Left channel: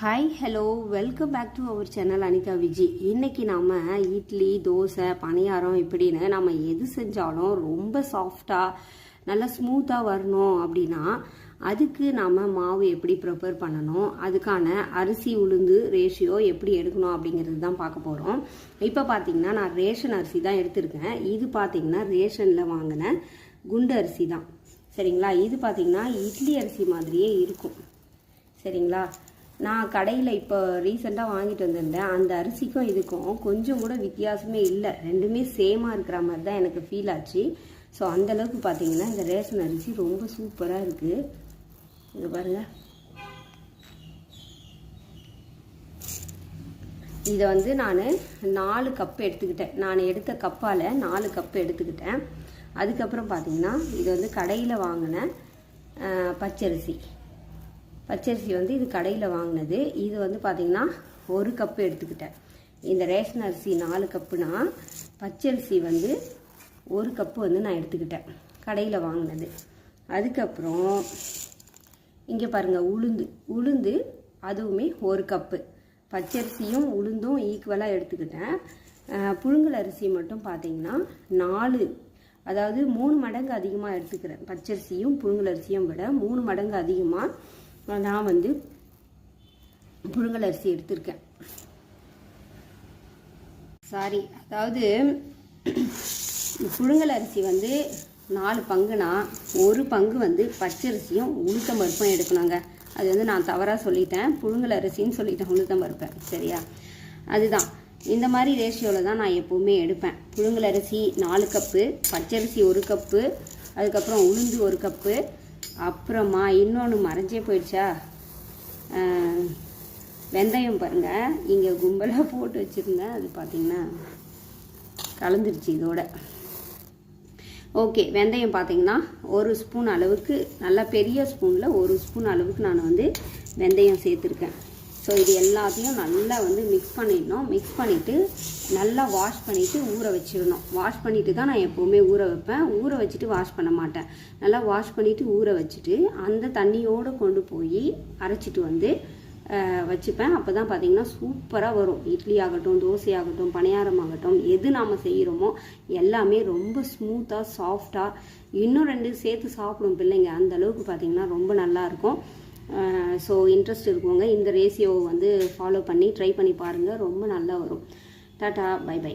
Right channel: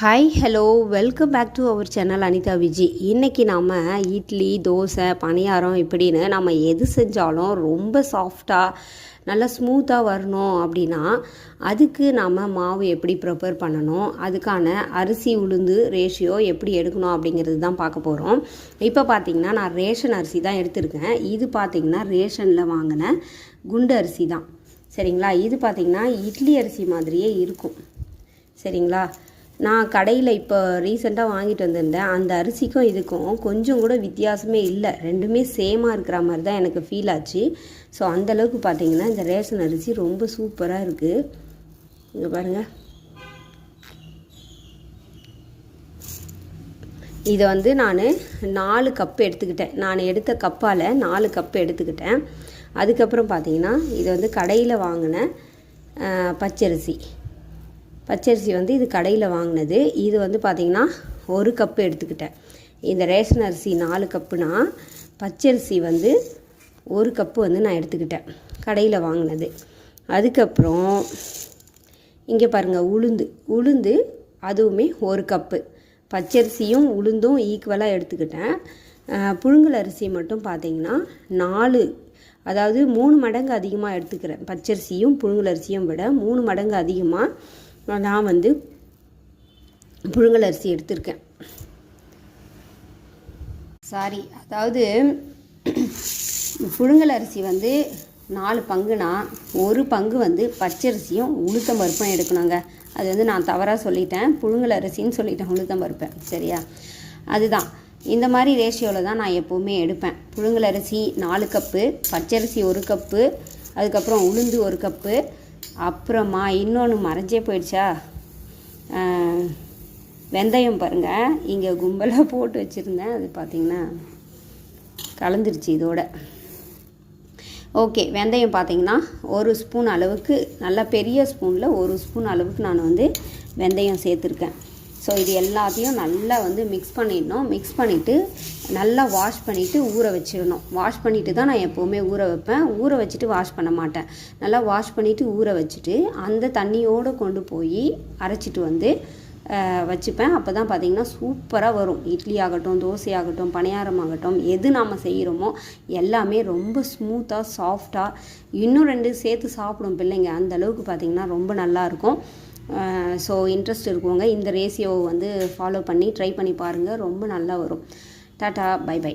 Hi hello welcome back to our channel Anitha Viji இன்றைக்கி நாம் இட்லி தோசை பணியாரம் இப்படின்னு நம்ம எது செஞ்சாலும் ரொம்ப சாஃப்டாக நல்லா ஸ்மூத்தாக வரணும் அப்படின்னா அதுக்கு நாம் மாவு எப்படி ப்ரிப்பேர் பண்ணணும் அதுக்கான அரிசி உளுந்து ரேஷியோ எப்படி எடுக்கணும் அப்படிங்கிறது தான் பார்க்க போகிறோம் இப்போ பார்த்தீங்கன்னா நான் ரேஷன் அரிசி தான் எடுத்திருக்கேன். இது பார்த்தீங்கன்னா ரேஷனில் வாங்கின குண்டு அரிசி தான். சரிங்களா? இது பார்த்தீங்கன்னா இட்லி அரிசி மாதிரியே இருக்கும். சரிங்களா? நான் கடையில் இப்போ ரீசெண்டாக வாங்கிட்டு வந்திருந்தேன். அந்த அரிசிக்கும் இதுக்கும் கொஞ்சம் கூட வித்தியாசமே இல்லை. ரெண்டுமே சேமாக இருக்கிற மாதிரி தான் எனக்கு ஃபீல் ஆச்சு. ஸோ அந்தளவுக்கு பார்த்தீங்கன்னா இந்த ரேஷன் அரிசி ரொம்ப சூப்பராக இருக்குது இங்கே பாருங்கள் இதை வந்து நான் நாலு கப்பு எடுத்துக்கிட்டேன். நான் எடுத்த கப்பால் நாலு கப்பு எடுத்துக்கிட்டேன். அதுக்கப்புறம் பார்த்தீங்கன்னா இது வந்து கடையில் வாங்கினேன் பச்சரிசி. பச்சரிசி வந்து இது கடையில் வாங்கினது. இது வந்து பார்த்திங்கன்னா ஒரு கப்பு எடுத்துக்கிட்டேன். இந்த ரேஷன் அரிசி நாலு கப்புனா பச்சரிசி வந்து ஒரு கப்பு வந்து நான் எடுத்துக்கிட்டேன். கடையில் வாங்கினது. அதுக்கப்புறம் இங்கே பாருங்கள் உளுந்து. உளுந்து அதுவுமே ஒரு கப்பு பச்சரிசியும் உளுந்தும் ஈக்குவலாக எடுத்துக்கிட்டேன். புழுங்கல் அரிசி மட்டும் பார்த்தீங்கன்னா நாலு அதாவது மூணு மடங்கு அதிகமாக எடுத்துக்கிறேன். பச்சரிசியும் புழுங்கல் அரிசியும் விட மூணு மடங்கு அதிகமாக நான் வந்து புழுங்கல் அரிசி எடுத்திருக்கேன். சாரி அதாவது புழுங்கல் அரிசி வந்து நாலு பங்குனா ஒரு பங்கு வந்து பச்சரிசியும் உளுத்தம் பருப்பும் எடுக்கணுங்க. அது வந்து நான் தவறாக சொல்லிட்டேன். புழுங்கல் அரிசின்னு சொல்லிட்டேன் உளுத்தம் பருப்பேன் சரியா? அதுதான். இந்த மாதிரி ரேஷியோவில் தான் நான் எப்போவுமே எடுப்பேன். புழுங்கல் அரிசி நாலு கப்பு பச்சரிசி ஒரு கப்பு அதுக்கப்புறம் உளுந்து ஒரு கப்பு அப்புறமா இன்னொன்று மறைஞ்சே போயிடுச்சா? வெந்தயம் பாருங்கள் இங்கே கும்பலாக போட்டு வச்சுருந்தேன். அது பார்த்திங்கன்னா கலந்துருச்சு இதோட. ஓகே வெந்தயம் பார்த்தீங்கன்னா ஒரு ஸ்பூன் அளவுக்கு நல்லா பெரிய ஸ்பூனில் ஒரு ஸ்பூன் அளவுக்கு நான் வந்து வெந்தயம் சேர்த்துருக்கேன். ஸோ இது எல்லாத்தையும் நல்லா வந்து மிக்ஸ் பண்ணிடணும். மிக்ஸ் பண்ணிவிட்டு நல்லா வாஷ் பண்ணிவிட்டு ஊற வச்சிடணும். வாஷ் பண்ணிவிட்டு தான் நான் எப்போவுமே ஊற வைப்பேன். ஊற வச்சுட்டு வாஷ் பண்ண மாட்டேன். நல்லா வாஷ் பண்ணிவிட்டு ஊற வச்சுட்டு அந்த தண்ணியோடு கொண்டு போய் அரைச்சிட்டு வந்து வச்சுப்பேன். அப்போ தான் பார்த்தீங்கன்னா சூப்பராக வரும். இட்லி ஆகட்டும் தோசை ஆகட்டும் பணியாரம் ஆகட்டும் எது நாம் செய்கிறோமோ எல்லாமே ரொம்ப ஸ்மூத்தாக சாஃப்டாக இன்னும் ரெண்டு சேர்த்து சாப்பிடும் பிள்ளைங்க அந்த அளவுக்கு பார்த்திங்கன்னா ரொம்ப நல்லாயிருக்கும் ஸோ இன்ட்ரெஸ்ட் இருக்கவங்க இந்த ரேசியோவை வந்து ஃபாலோ பண்ணி ட்ரை பண்ணி பாருங்கள் ரொம்ப நல்லா வரும். Tata bye by